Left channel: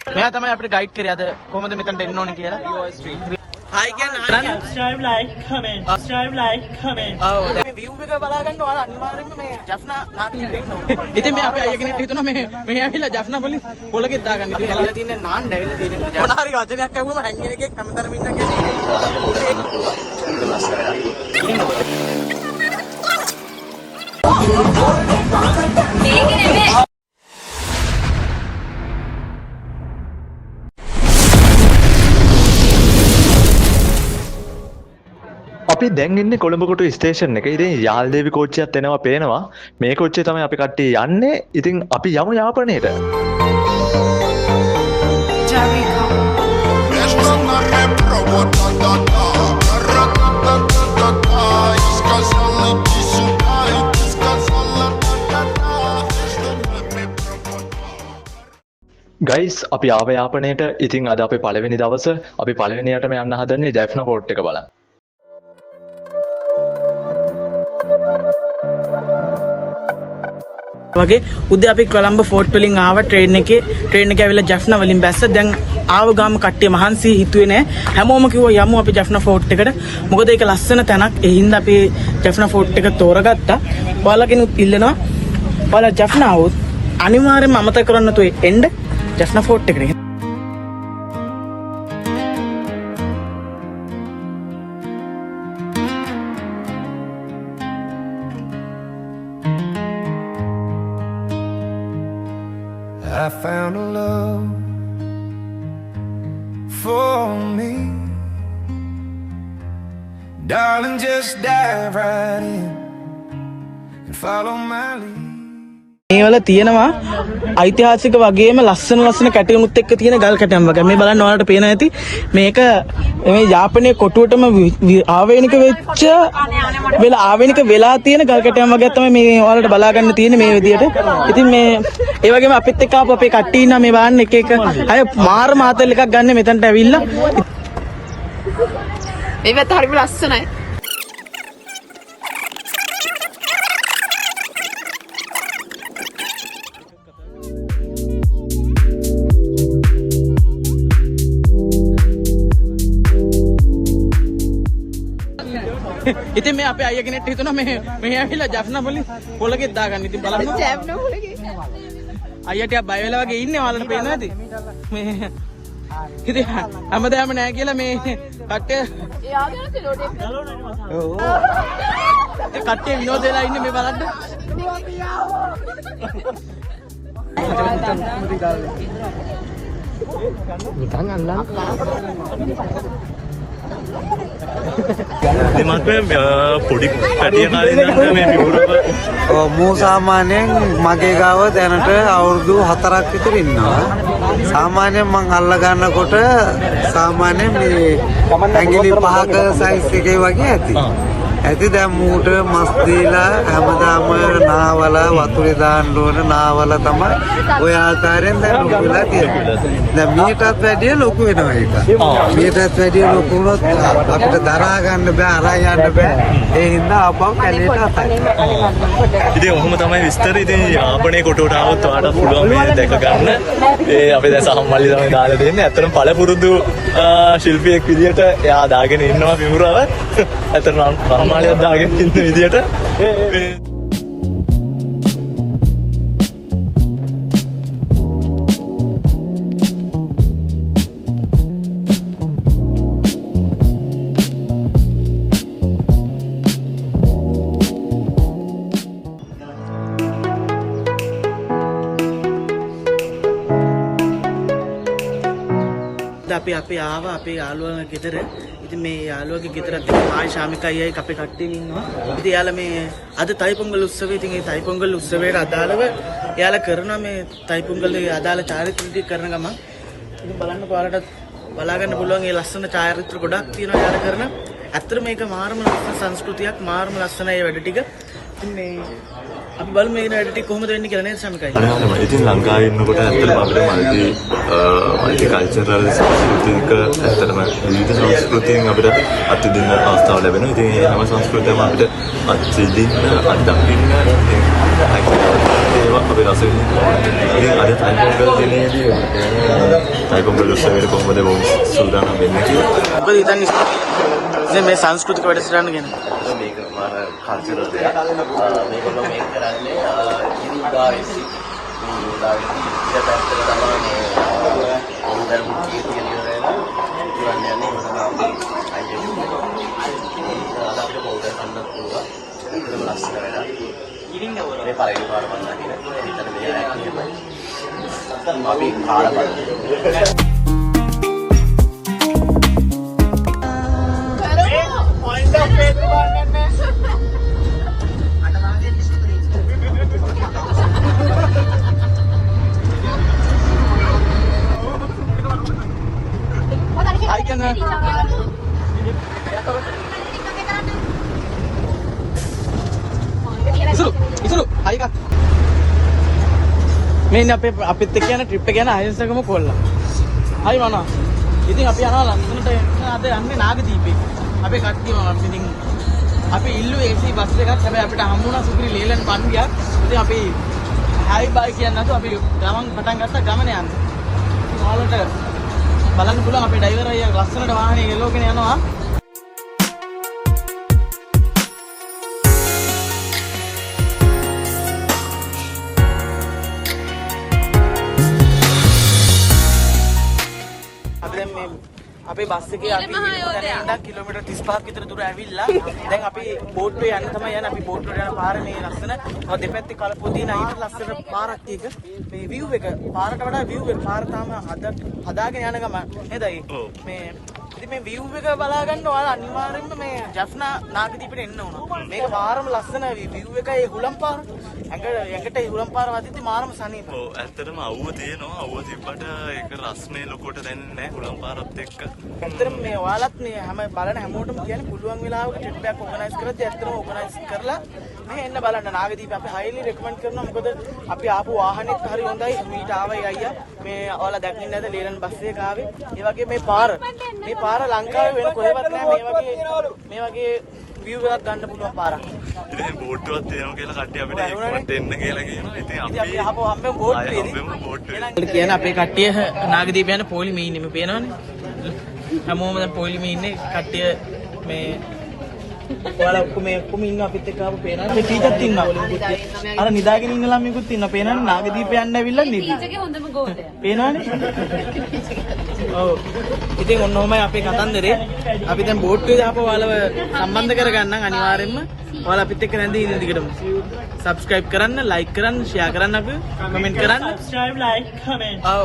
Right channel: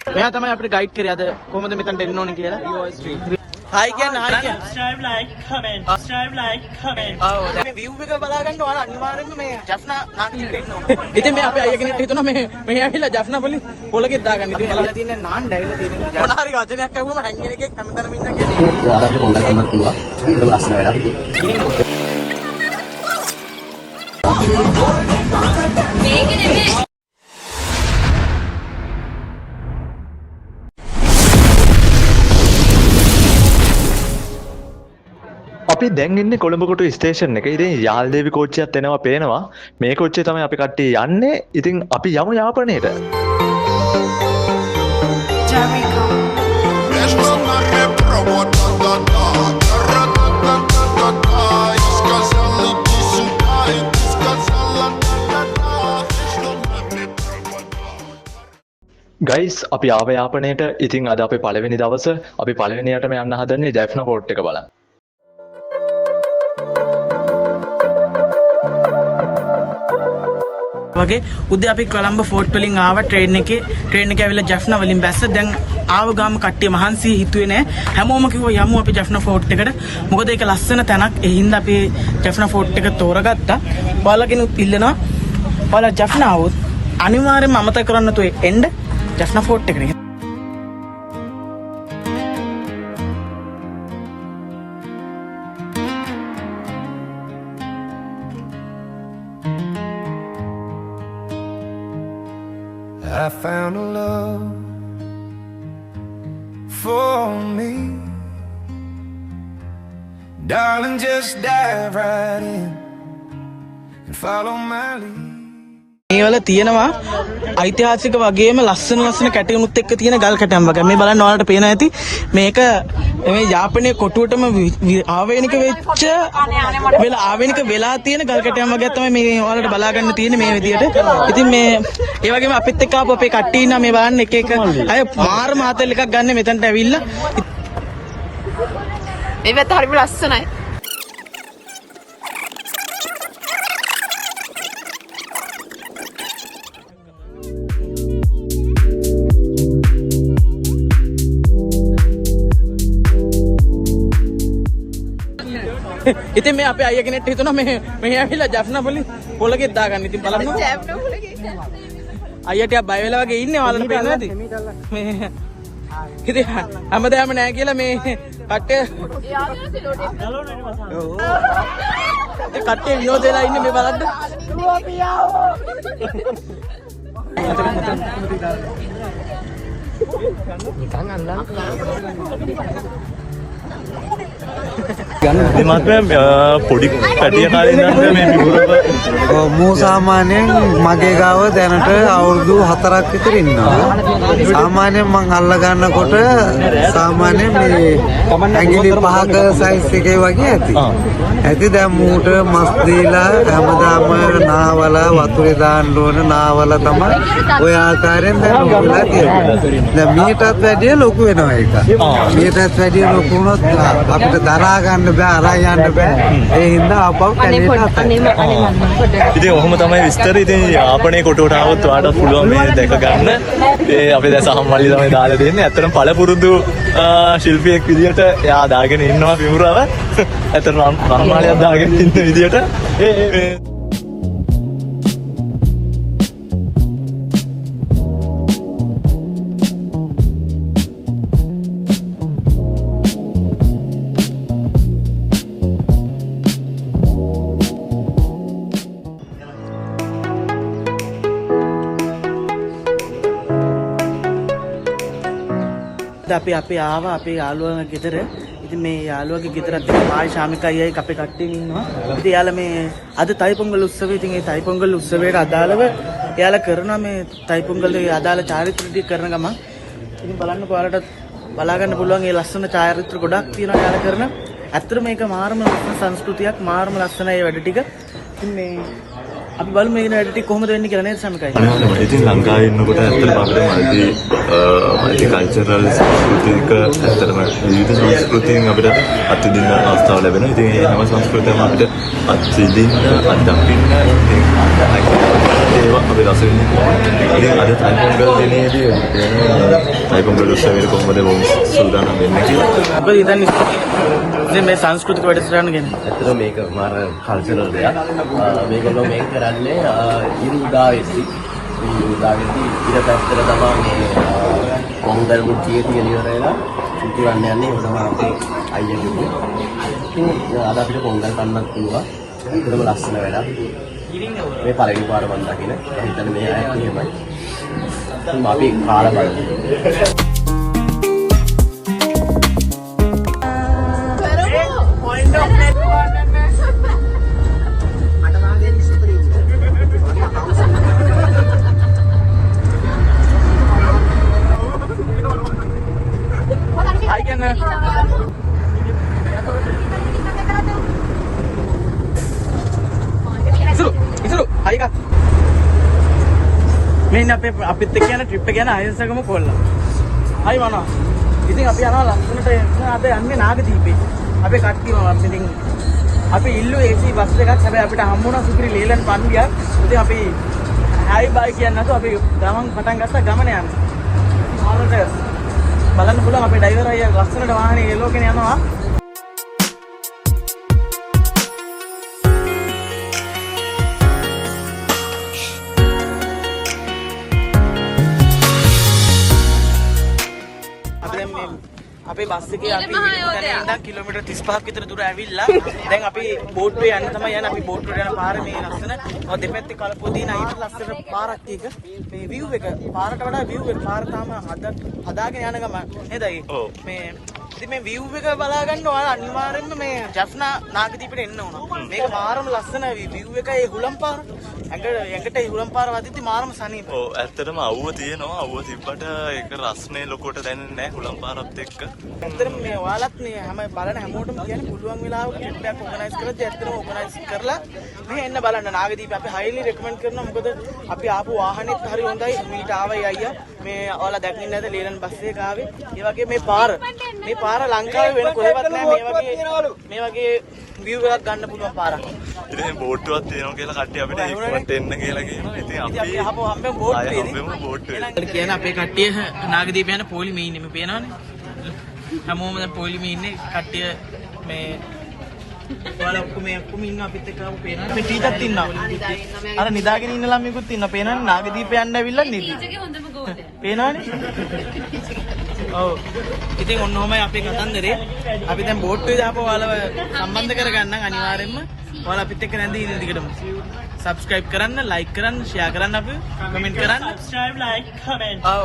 මෙයා තමයි අපිට ගයිඩ් කරේ අද කොහොමද මෙතනට එන්න ඕනේ කියලා. හයි කියන්නේ subscribe like comment. ඔව් view එක බලා ගන්න ඔයාලා අනිවාර්යෙන්ම මේ ජෆ්නා නාට්‍යයට එන්න ඕනේ. ඉතින් මේ අපේ අය කෙනෙක් හිතුණා මේ ඇවිල්ලා ජෆ්නා පොලිස් පොලකෙත් දාගන්න. ඉතින් බලලා තින්නේ නාන්න ඇවිල්ලා. මොනාරි වචනයක් අහුවම හැංගෙන එකෙක් හැමතැනම ඉන්න කෙනෙක්. අපි දැන් ඉන්නේ කොළඹ ස්ටේෂන් එක. ඉතින් යාල්දේවි කෝච්චියත් එනවා පේනවා. මේ කෝච්චිය තමයි අපි කට්ටිය යන්නේ. ඉතින් අපි යමු යාපනයේට. ගයිස් අපි ආව යාපනයේට. ඉතින් අද අපේ පළවෙනි දවස. අපි පළවෙනියටම යන්න හදන්නේ ජැෆ්නා පෝර්ට් එක බලන්න. වගේ උදේ අපි කොළඹ ෆෝර්ට් වලින් ආව ට්‍රේන් එකේ ඇවිල්ලා ජෆ්නා වලින් බැස්ස. දැන් ආව ගාම කට්ටිය මහන්සි හිතුවේ නෑ. හැමෝම කිව්වා යමු අපි ජෆ්නා ෆෝර්ට් එකට. මොකද ඒක ලස්සන තැනක්. ඒ හින්දා අපි ජෆ්නා ෆෝර්ට් එක තෝරගත්තා. ඔයාලගෙනුත් ඉල්ලනවා. ඔයාලා ජෆ්නා આવොත් අනිවාර්යෙන්ම අමතක කරන්න නැතුව එන්න ජෆ්නා ෆෝර්ට් එකට. I found a love for me. Darling, just dive right in and follow my lead. මේ වල තියෙනවා ඓතිහාසික වගේම ලස්සන කැටයමුත් එක්ක තියෙන ගල් කැටයම් වගේ. මේ බලන්න ඔයාලට පේන ඇති මේක මේ යාපනයේ කොටුවටම ආවේනික වෙලා තියෙන ගල් කැටයම් වගේ තමයි මේ ඔයාලට බලා ගන්න තියෙන්නේ මේ විදියට. ඉතින් මේ ඒ වගේම අපිත් එක්ක ආපු අපේ කට්ටිය ඉන්නවා මේ බලන්න එක අය මාර මාතල් එකක් ගන්න මෙතනට ඇවිල්ලා. ඒවත් හරිම ලස්සනයි. ඉතින් මේ අපේ අය කෙනෙක් හිතුණා මේ ඇවිල්ලා ජෆ්නා පොලිස් පොලකෙත් දාගන්න. ඉතින් බලන්න අයියා ටිකක් බය වෙලා වගේ ඉන්නේ. ඔයාලට පේනවා ඇති මේ ඉතින් හැමදාම නෑ කියලා මේ කට්ටිය විනෝද වෙලා ඉන්නේ. මේ බලන්න පොඩි පැටිය කාලේ ඉඳන් මේ පිපුරව මූ සාමාන්‍යයෙන් මගේ ගාව දැනට අවුරුදු 4ක් විතර ඉන්නවා. සාමාන්‍යයෙන් මං අල්ල ගන්නකොට සාමාන්‍යයෙන් මේ ඇඟිලි 5ක සයිස් එකේ වගේ ඇති දැන් මූට මස් දීලා හැමදාම නාවල වතුරේ දාන්න ඕන නාවල තමයි ඔය ආකාරයෙන් දැන් ලොකු වෙලා තියෙන්නේ. දැන් මීටත් වැඩිය ලොකු වෙනවා ඒක. මීටත් වැඩිය ලොකු වුණොත් අපිට දරා ගන්න බෑ, අරන් යන්න බෑ. ඒ හින්දා ආපහු කැලේට අතයි. ඉතින් ඔහොම තමයි විස්තර. ඉතින් යාපනයේ කොටුවට ආවොත් ඔයාලට පුළුවන් මේ දැක ගන්න. ඒ අපි දැන් සහම්මලිය තමයි දාලා දෙන්නේ. ඇත්තටම පළපුරුදු ශිල්පියෙක් විදියට එයා දාගෙන ඉන්නවා පිමුරව. ඇත්තටම මාලියක් දාගෙන ඉන්න විදියට අපි ආවා අපේ යාළුවා ගෙදර. ඉතින් මේ යාළුවගේ ගෙදරත් එක්ක මායි ශාමිකයි අය අපේ කට්ටියම ඉන්නවා. ඉතින් යාළුවා මේ අද තයිපොංගල් උත්සවය. ඉතින් මේ තයිපොංගල් උත්සවයට අදාළව යාළුවා කරන මේ තයිපොංගල්ේ අදාළ චාරිත්‍ර ටික කරන ගමන් ඉතින් බලන්න ඔයාලට බලා ගන්න පුළුවන් මේ ලස්සන චාරිත්‍ර ගොඩක් තියෙනවා යාළුවා කරන. ඇත්තට මේක මාරම ලස්සන සංස්කෘතියක්, මාරම ලස්සනයි වැඩ ටික. ඉතින් මේ අපි බලමු මේ වැඩ ටික කොහොමද වෙන්නේ කියලා නේද සමිකයි. ඉතින් ලංකාවේ ඉන්නකොට ඇත්තටම අපිට මල්ටි කල්චරල් සංස්කෘතික ඇත්තටම විවිධ සංස්කෘතීන් අපිට අත්දින්න අවස්ථාව ලැබෙනවා. ඉතින් මේ හැම සංස්කෘතියක්ම අපිට අත්දින්න අත්දකින්න ඒවා අපේ රස වෙන්නේ. ඉතින් අද තයිපොංගල් දිනේදී තයිපොංගල් උත්සවයේ කොහොමද වුන් සූදානම් වෙන්නේ කියලා. මොකද හිතන්නේ ඉතින් මේ සංස්කෘතික වැඩසටහන ගැන? ඇත්තට මේක මාර කල්චරල් දෙයක්. මේගොල්ලෝ මේක කරන්නේ ඉරුදාවෙද්දි ඉර පැත්තට තමයි පොංගල් මුට්ටියක ගෙනියන වෙලා සිතුවන්න යන්නේ. ඒක තමයි අපේ අයියා කිව්වේ. අද අපිට පොංගල් පන්නත් පුළුවන්. ඒකම ලස්සන වැඩක්. මේ පළවෙනි පාර මම දකින. මම හිතන්නේ මේ අයත් එහෙමයි. අපි කාලා බලමු. මේ ඉන්නේ අපිත් එක්ක යන ට්‍රිප් එක යන අහිංසකම කොල්ලා. හයි මනවා. ඉතින් අපි යනවා ලස්සනට අද යන්නේ නාගදීපේ. අපේ කට්ටියම ඉතින් අපි ඉල්ලුවේ AC බස් එකක්. හැබැයි අපිට හම්බුණා සුපිරි ලීලන් පන්දියක්. ඉතින් අපි හයි බයි කියන්නේ නැතුව අපි ගමන් පටන් ගත්තා ගමන යන්න. ඉතින් ඔයාලට බලන්න පුළුවන් අපේ ඩ්‍රයිවර් අයියා ලස්සනට වාහනේ එලෝගෙන යනවා. අපේ බස් එකේ අපි ඉඳන් කිලෝමීටර් 35ක් විතර දුර ඇවිල්ලා දැන් අපි බෝට්ටුවේ යන්න තමයි යන්නේ. අපි බෝට්ටුවට යන පාර මේ ලස්සන දෙපැත්තේ කල්පෝ තියෙන අයිට ලස්සන පාරක් එක. මේ view එක පාරට වඩා view එක පාර තාම හදාගෙන යන ගම නේද? මේ ඉතින් මේ view එක බලා ගන්න ඔයාලා අනිවාර්යෙන්ම මේ ජෆ්නා නාගදීපට එන්න ඕන. මේක මාරම ලස්සන view එකයි හුලම් පාර. ඇඟට හුලම් පාර වදිද්දි මාරම සනීප. ඔව් ඇත්තටම අවුව තියෙනවා. අවුව තිබ්බට ඒක රස්නේ ලොකුවට දැනෙන්නේ නැහැ හුලම් පාරත් එක්ක. ඇත්තටම මේ ඔයාලත් මේ හැම බලන හැමෝටම කියන්න පුළුවන් වෙලාවක ට්‍රිප් එකක් ඕගනයිස් කරද්දී ඇත්තටම ඕගනයිස් කරලා මේ එන්න බලන්න නාගදීප අපි highly recommend කරනවා. මොකද අපි ආපු වාහනේත් හරි හොඳයි. මිලිට ආවයි අයියා. මේ ඔයාලා දැක්කේ නැද්ද ලීලන් බස් එකේ ආවේ. ඒ වගේ මේ පාර ලංකාවේ වෙන කොහෙවත් නැහැ මේ වගේ view එකක් ගන්න පුළුවන් පාරක්. ඉතින් බෝට්ටුවක් තියෙනවා කියලා කට්ටිය අපිට ඉක්මනට එන්න කියලා කියනවා. ඉතින් අපි හම්බෙමු බෝට්ටුවේ. කියන අපේ කට්ටිය නාගදීප යන පොලි මීනුනේ පේනවනේ. හැමෝම දැන් පොලි මීන්නේ කට්ටිය මේ ඔයාලා ඔක්කොම ඉන්නවා අපිත් එක්ක ආපු පේනවනේ. මේ ටීචර්ත් ඉන්නවා. අර නිදාගෙන ඉන්න ළමයිකුත් ඉන්නවා පේනවනේ. නාගදීප යන්න ඇවිල්ලා නිදි. ටීචර්ගේ හොඳම ගෝලය. පේනවනේ. ඔව්. ඉතින් ඔන්නෝමයි අපේ කතන්දරේ. අපි දැන් බෝට්ටුවේ ආපහු ඔයාලව සම්බන්ධ කරගන්න අනිවාර්යෙන්ම ඔයාලා අපිත් එක්ක නැන්දි ඉන්න දිගටම. subscribe කරන්න, like කරන්න, share කරන්න අපි comment කරන්න. subscribe, like, comment. ඔව්.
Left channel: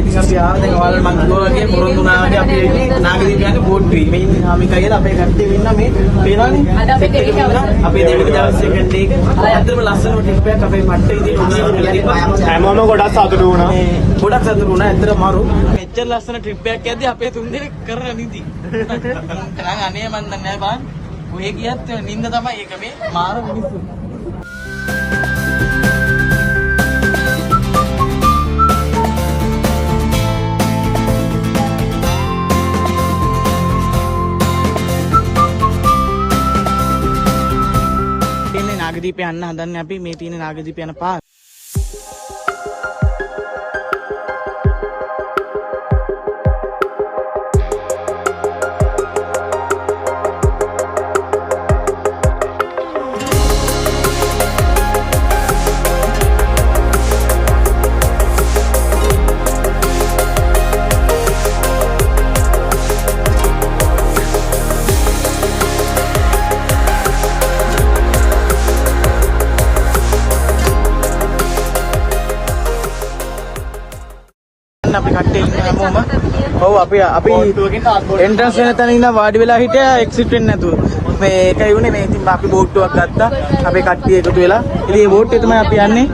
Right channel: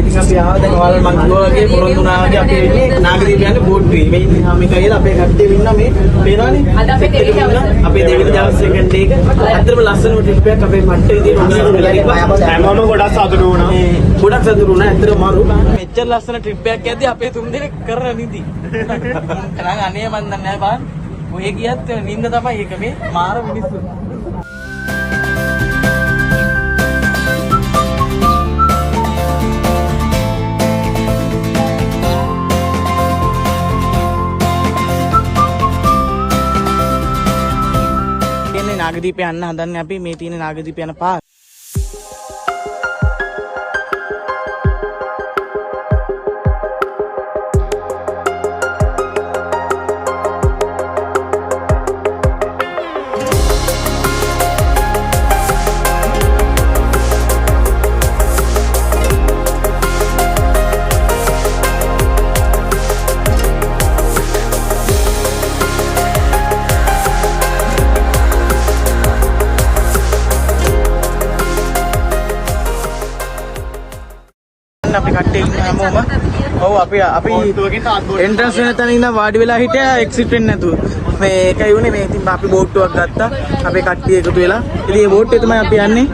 ඉතින් අපි ආව දැන් ඔයාලා මම කිව්වා වගේ පොරොන්දුනා වගේ අපි එන්නේ නාගදීප යන බෝට්ටුවේ. මේ ඉන්නේ හාමිකයිලා අපේ කට්ටිය ඉන්නවා මේ පේනවනේ. අද අපේ දෙවෙනි දවස්. අපේ දෙවෙනි දවස් සෙකන්ඩ් එක. අතරම ලස්සනම ට්‍රිප් එකක් අපේ පට්ටේ ඉදිරිය ඔන්නම වෙලා ඉපා. හැමෝම ගොඩක් සතුටු වුණා. ගොඩක් සතුටු වුණා. ඇත්තටම මාරු. මෙච්චර ලස්සන ට්‍රිප් එකක් යද්දී අපේ තුන් දෙනෙක් කරන නිදි. කරන් අනේ මන් දන්නේ නැහැ බං. ඔය ගියත් නිින්ද තමයි ඒක මේ මාර මිනිස්සු. තියෙන්නේ නාගදීප යන්න හදන්නේ අපි මේ තියෙන නාගදීප යන පාර. අපි කට්ටිය ඉන්න හැමෝම ඔව් අපි එන්ට්‍රන්ස් වෙන තැන ඉඳන් වාඩි වෙලා හිටියා එක්සිට් වෙන්නේ නැතුව. මේ ඒකයි උනේ මේ ඉතින් අපි බෝට්ටුවක් ගත්තා. අපේ කට්ටිය එකතු වෙලා. ඉතින් මේ බෝට්ටුවේ තමයි අපි යන්නේ.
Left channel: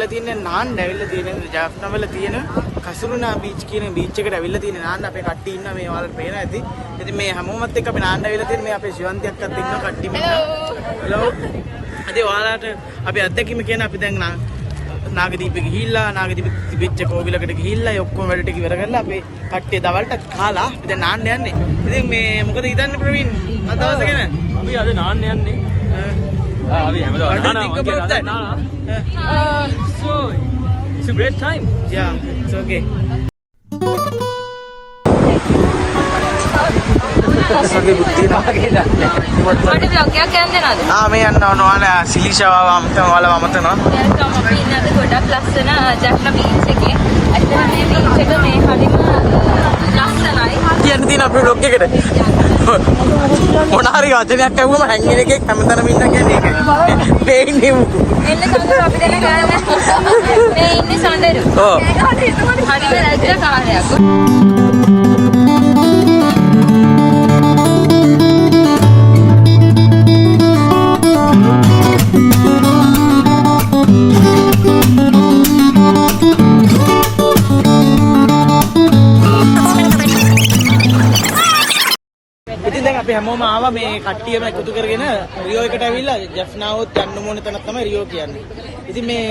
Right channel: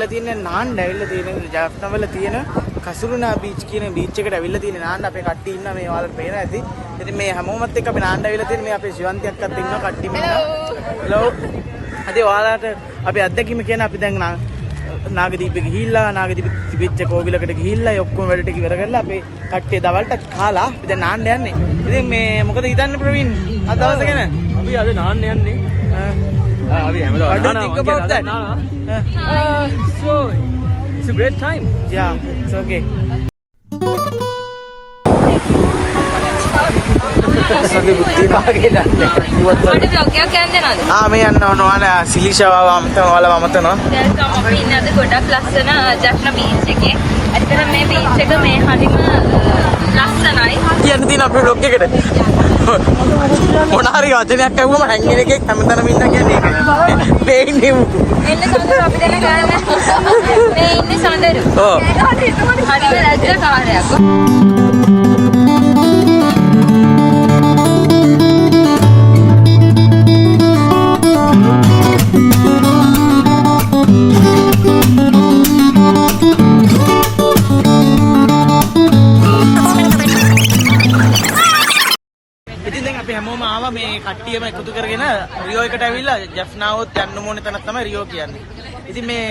ඇවිල්ලා තියන්නේ නාන්න ඇවිල්ලා තියෙන ජාෆ්නා වල තියෙන කසුරුනා බීච් කියන බීච් එකට ඇවිල්ලා තියෙන නාන්න අපේ කට්ටිය ඉන්නවා මේ ඔයාලට පේන ඇති. ඉතින් මේ හැමෝමත් එක්ක අපි නාන්න ඇවිල්ලා තියෙන මේ අපේ ශිවන්ති අක්කත් ඉන්නවා කට්ටියම ඉන්නවා. හලෝ. අද ඔයාලට අපි අත්දැකීම කියන අපි දැන් නාගදීපෙ ගිහිල්ලා නාගදීපෙ තිබෙච්ච කෝවිලකට ගිහිල්ලා ඒ ඔක්කොම වැඩ ටික ඉවර කරලා අපේ කට්ටිය දවල්ට කාලා අපි දැන් නාන්න යන්නේ. ඉතින් මේ මොකද හිතන්නේ ප්‍රවීන්? අද දවසේ ගැන? අපි අද නාන්න යන්නේ. අපි හැමදාම What do you think about that? So it's a great time. Yeah, it's okay. මේ යන්න ඕන ඔයාලා සිලිෂාව ඔයාලා වමතනවා. දැන් අපි ඉන්නේ අද ගොඩක් ලස්සන ජෆ්නා බීච් එකේ. ඇත්තට මේ බීච් එක මේ හරිම ලස්සනයි. කියන්න තියෙන අපේ ඩොග් එකට. මොන හරි වචනයක් ඇහුවම හැංගින එකේ හැමතැනම ඉන්න කියන්නේ ඒකයි. දෙන්නේ මුතු. එන්න සඳර අපි දැන් ගායනා කරනවා. ඒ සඳර. ඔව්. හරිම ලැජ්ජ කාර්යයක්. ඉතින් දැන් අපි හැමෝම ආවා මේ කට්ටියම එකතු කරගෙන රියෝ එකට ඇවිල්ලා ජෆ්නාවොත් යන්න ඕනේ තැනක් තමයි රියෝ කියන්නේ. ඉතින් මේ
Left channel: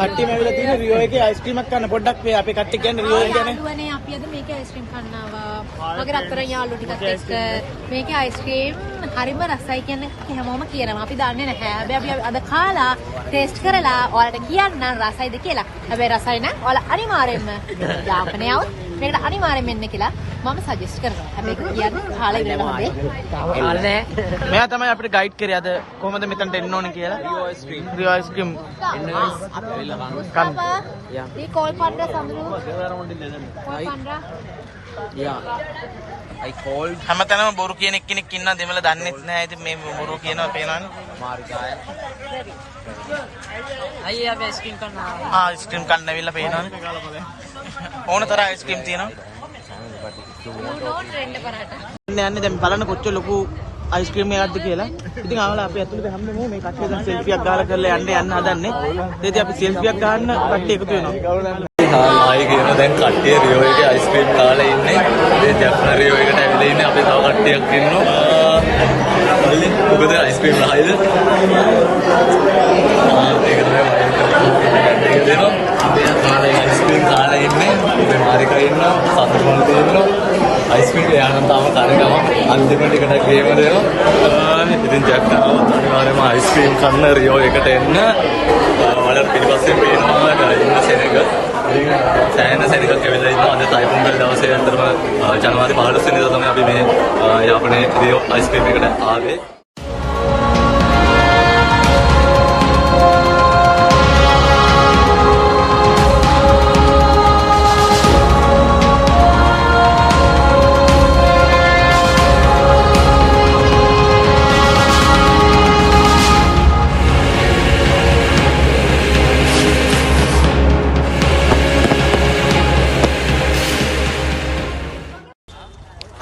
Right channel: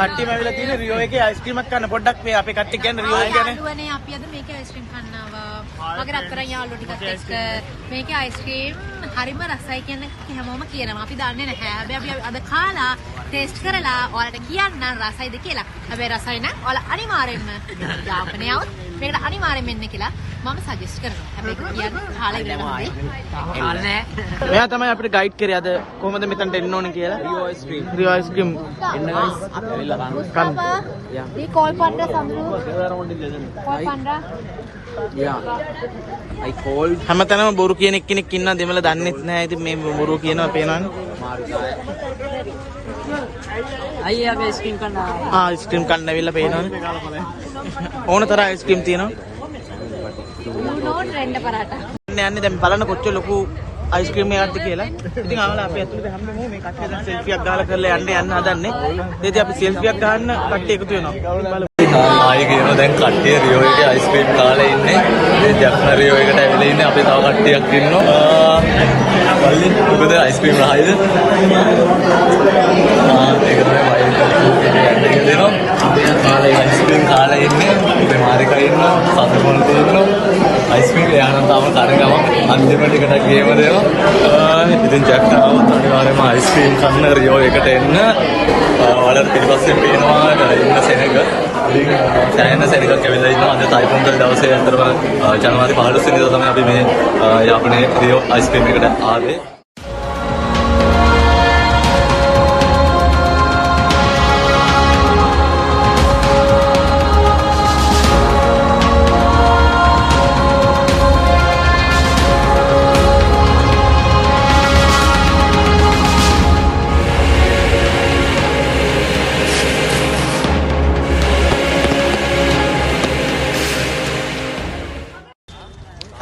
කට්ටියම ඇවිල්ලා තියෙන රියෝ එකේ අයිස්ක්‍රීමක් ගන්න පොඩ්ඩක් මේ අපේ කට්ටිය කියන්නේ රියෝ එක ගැන. යාළුවනේ අපි අද මේකේ අයිස්ක්‍රීම් කන්න ආවා. මගේ රත්තරන් යාළුවෝ ටිකත් එක්ක මේකේ අයිස්ක්‍රීම් හරිම රසයි කියන්නේ හැමෝම කියනවා. අපි දන්නේ නැහැ. හැබැයි අපි අද කාලා ටේස්ට් කරලා ඔයාලට කියන්න රසයිද කියලා. හැබැයි රසයි නම් ඔයාලා අනිවාර්යෙන්ම යාපනයේ આવොත් මේකට අනිවාර්යෙන්ම එන්න කියලා මම සජෙස්ට් කරනවා. හැබැයි කියන්නේ කාලා ඉන්න මෙයා තමයි අපිට ගයිඩ් කරේ අද කොහොමද මෙතනට එන්න ඕනේ කියලා. රියෝ අයිස්ක්‍රීම් එන්න ගයිස්. ඇවිල්ලා කන්න. ఈ కోల్ పండ్ర సంద్రు కోల్ పండ్ర හැමතැනම බොරු කියන එක්කෙනෙක් ඉන්නවා දෙමළ දන්නෙත් නැහැ. ඉතින් මේ බොරු කියනවා පේනවනේ. අයියා අයිස්ක්‍රීම් කන්න. අයිස්ක්‍රීම් කන්න ඇවිල්ලා පේනවනේ. ඕන තරම් අයිස්ක්‍රීම් තියෙනවා. යන්නේ දැන් බලන්න කොච්චර ලොකු අයිස්ක්‍රීම් එකක්ද කියලා. ඉතින් ආවලා අපි ඇතුළට හැමෝම මේ කට්ටිය දැන් සෙල්ෆියක් ගාලා කරලා යන්න හදන්නේ. ඉතින් අපි සෙල්ෆියක් ගන්න කට්ටිය එකතු වෙනවා. ආයි කියන දැන් කට්ටිය රියෝ එකේ අයිස්ක්‍රීම් කාලා ඉන්නේ. මේ ජෆ්නා රියෝ එකට ඇවිල්ලා ඉන්නේ. අපේ තව කට්ටියක් ඉන්නවා. වල්ලි මොකද අයිස්ක්‍රීම් රහයිද? ඒක තමයි වයින් දෙනවා. අපි කාලා අයිස්ක්‍රීම් කාලා ඉන්නේ. ඉතින් මාරිකා ඉන්නවා. සතුටුම තෝරන අයිස්ක්‍රීම් යනවා තාම අන්තිමට එකට ගියම දෙනවා. ඉතින් ජෆ්නාව අනිවාර්යයෙන්ම අයිස්ක්‍රීම් කන්න රියෝ එකට එන්න. ඔයාලට පිටිපස්සෙන් පේනවා ඉන්න සෙනග. සෑහෙන සෙනගක් ඇවිල්ලා ඉන්නවා. අද තයිපොංගල් දවසේ අතරම ජනවාරි 15 වෙනිදා තමයි අපි මේ යාපනයේ රියෝ අයිස්ක්‍රීම් එකට ආවේ.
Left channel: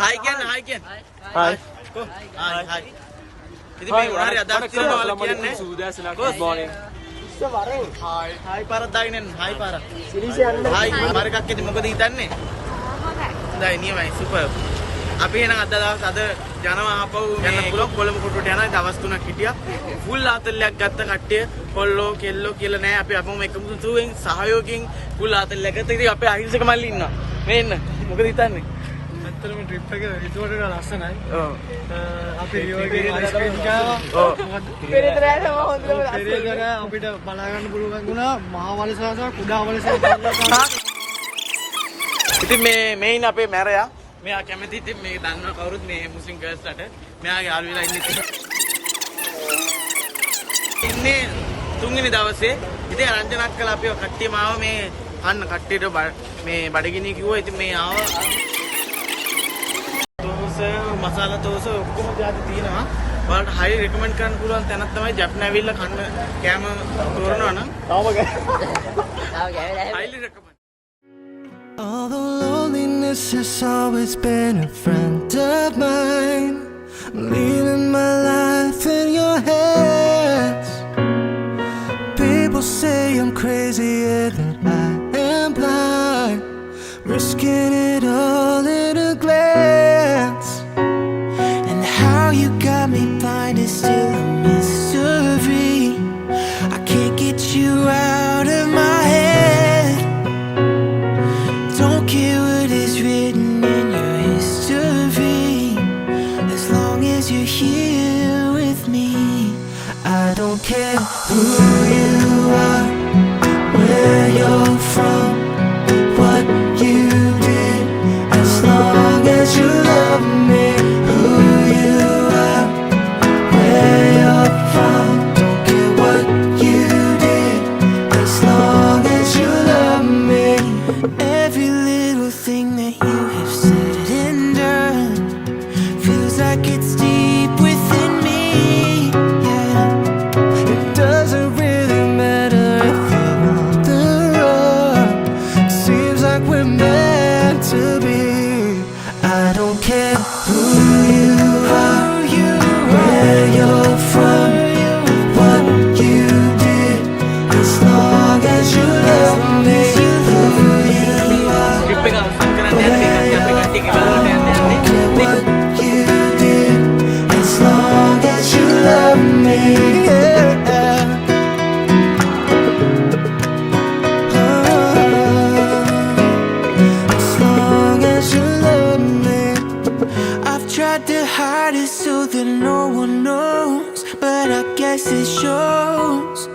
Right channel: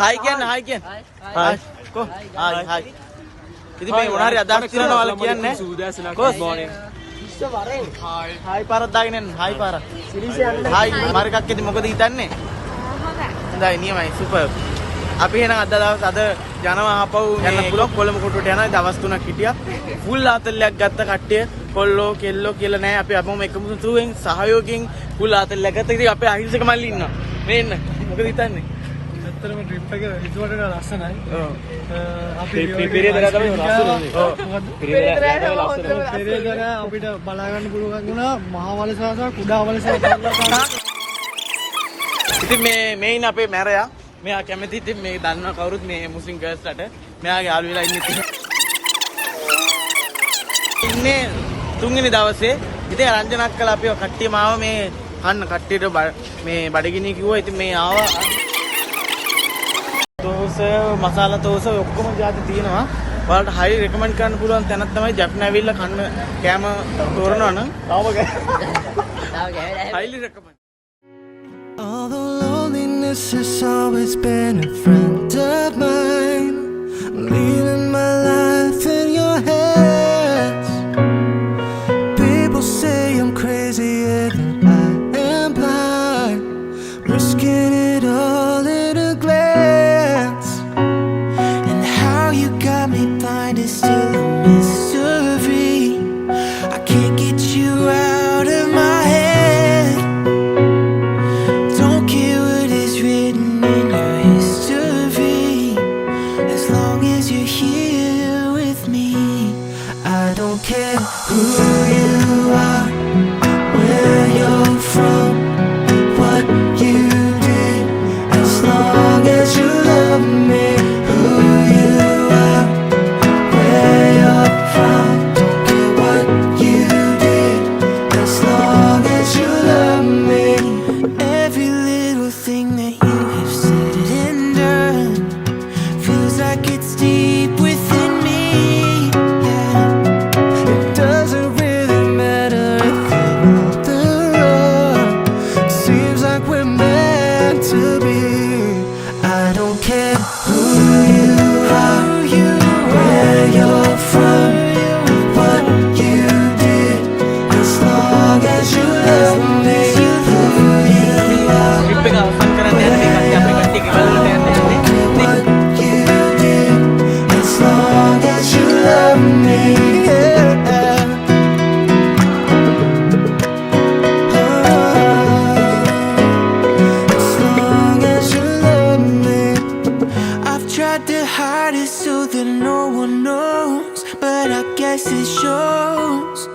හායි කියන්නේ හායි කියන්නේ. හායි. කො හායි හායි. ඉතින් මේ මොන හරි අදහස් තියනවා ඔයාලා කියන්නේ. කොස් හායි හායි පාරක් දාගෙන එන්න හායි පාරක්. හායි මාර්ගයක් ඉතින් මොකද හිතන්නේ? හොඳයි නියමයි සුපර්. අපි එහෙනම් අද දවස් අද යනවා ආපහු යන්න පුළුවන් කොළඹ කොටුවට යනවා. දවස් 3ක් හිටියා. ෆුල් ආතල්ලයක් ගත්ත කට්ටිය කොල්ලෝ කෙල්ලෝ කියලා නෑ. අපි අපම එකම තුෙන් සහයෝගයෙන් ෆුල් ආතල්ලයක් ගත්ත. ඉතින් අපේ අහිංසක මල්ලි ඉන්නවා. මේ එන්න. මොකද හිතන්නේ? ඇත්තටම ට්‍රිප් එක හිතුවට ලස්සනයි. ඔව්. අපි රියෝ එකේ අයිස්ක්‍රීම් කෑවා. පෙරේදර අපිට බලා ගන්න පුළුවන් වුණා මහා වලසහ සහ කුඩා වලසහ ඉතින් මේ ඉන්න අපේ මැරයා. මෙයා කැමති ඉතින් මේ දන්නවා කවුරුත් මේ මුස්ලිම් ගර්ල්ස්ලට. මෙයාගේ යාළු වෙලා ඉන්නේ තුන්වෙනි දවසේ. ඉතින් රංජනක් කළා අපිව කට්ටියම ආව මේ කන්න කට්ටියට මේ බඩගිනි කිව්වා. ඉතින් මේ ආවා තෝස මසාලා තෝස ඔක්කොම જાති තියෙනවා. ඔයාලට හයි රෙකමන්ඩ් කරන්න පුළුවන් තැනක් තමයි ජෆ්නා ඇවිල්ලා කන්න කෑම තෝරනවා නම් highly recommend. Although loneliness has always been a friend of mine, I'm leaving my life in your hands. People say I'm crazy find is still a mystery. I can't get you out of my head. Don't care what is written in your history, as long as you're here with me. I don't care who you are, where you're from, what you did, as long as you love me. Who you are, where you're from, don't care what you did, as long as you love me. Every little thing that you have said and done feels like it's deep within me. Yeah, it doesn't really matter if you're on the run. Seems like we're meant to be. I don't care who you are, where you're from, what you did, as long as you love me. Who you are, trip එක අවසන් කරන්න යන එක අපි කට්ටිය ගෙවල්ලට යන්න යන්නේ. what you did, as long as you love me. Yeah. As long as you love me. I've tried to hide it so that no one knows, but I guess it shows.